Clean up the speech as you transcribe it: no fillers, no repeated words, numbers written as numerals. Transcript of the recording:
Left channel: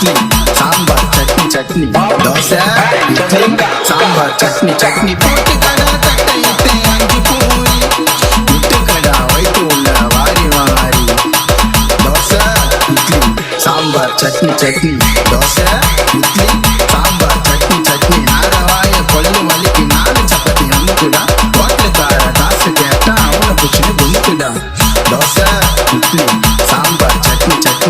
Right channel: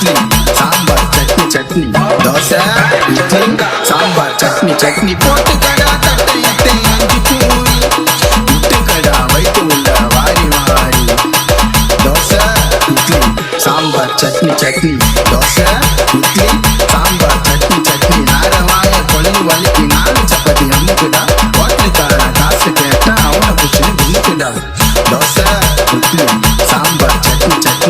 இட்லி சாம்பார் சட்னி சட்னி தோசை இட்லி சாம்பார் சட்னி சட்னி போட்டு கடா தட்டை இட்டு அஞ்சு பூரி முட்டு கடா வைத்து உள்ள வாரி வாரி தோசை இட்லி சாம்பார் சட்னி சட்னி தோசை இட்லி சாம்பார் சட்னி சட்னி நாரவாய கொள்ளு வலிக்கு 4 சப்பாத்தி அமுக்குடா ஹோட்டலுக்கார காசு கேட்டா அவனை பிடிச்சுன்னு குமுக்குடா தோசை இட்லி சாம்பார் சட்னி சட்னி